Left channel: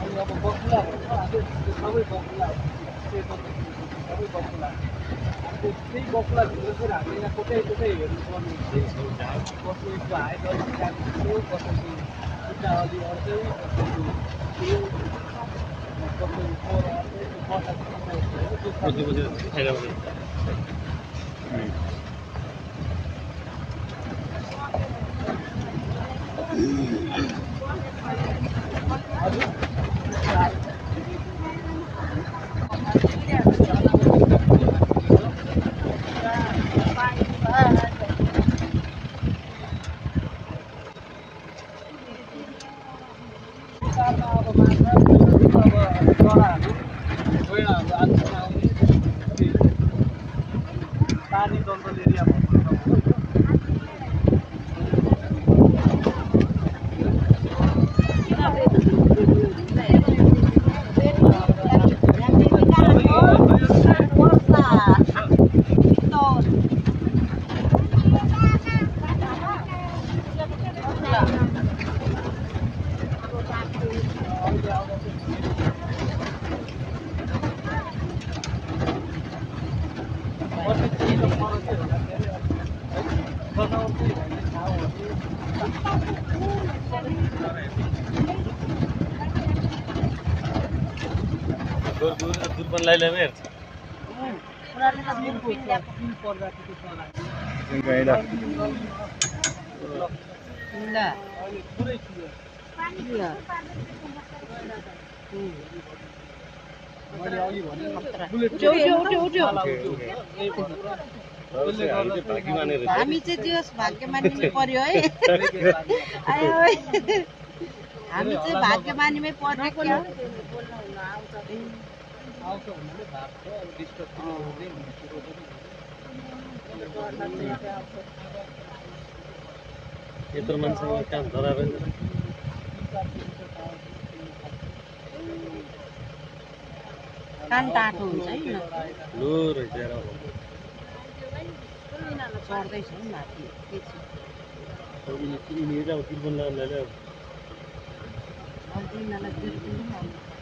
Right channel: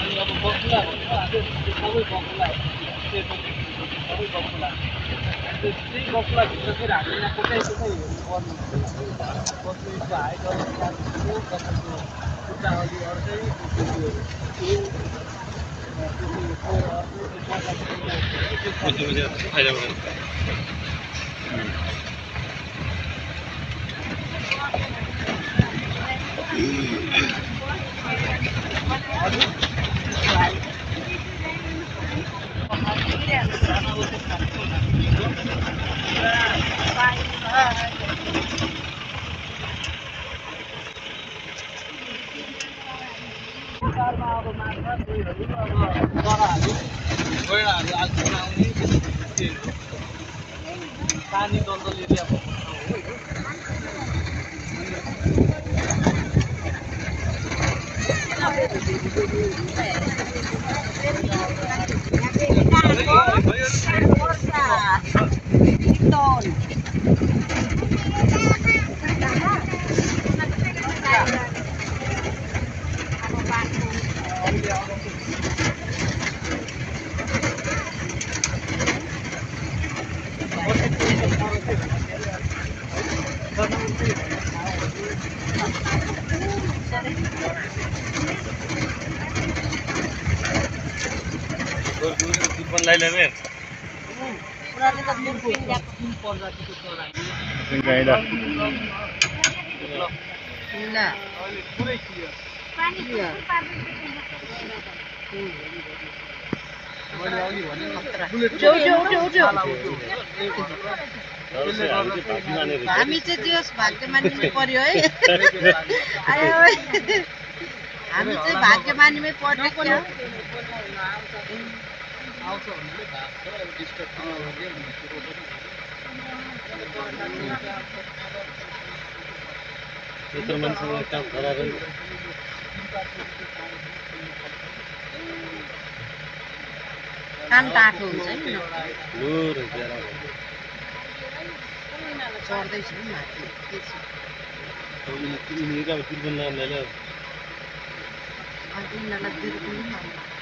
अनि अब बकुला भन्छ त्यो सबै बकुला सबै बकुला त्यही बकुलाभित्र फेरि हामीले यहाँ कोटै हेर्नुपर्ने हुन्छ कसैको हाइट अलिक सानो कसैको खुट्टा अलि अड्दै पानी जङ्गल एरिया हामी चाहिँ त्यो भाग्य मान्नु पर्यो है हामी चाहिँ भाग्य मान्नुमै पर्छ क्या यत्रो मान्छेलाई काम गराएर कान टाटो हुन्छ नि चढ्दैछ नि माथि यिनीहरू अब 53 लाइन अन्त यिनीहरूलाई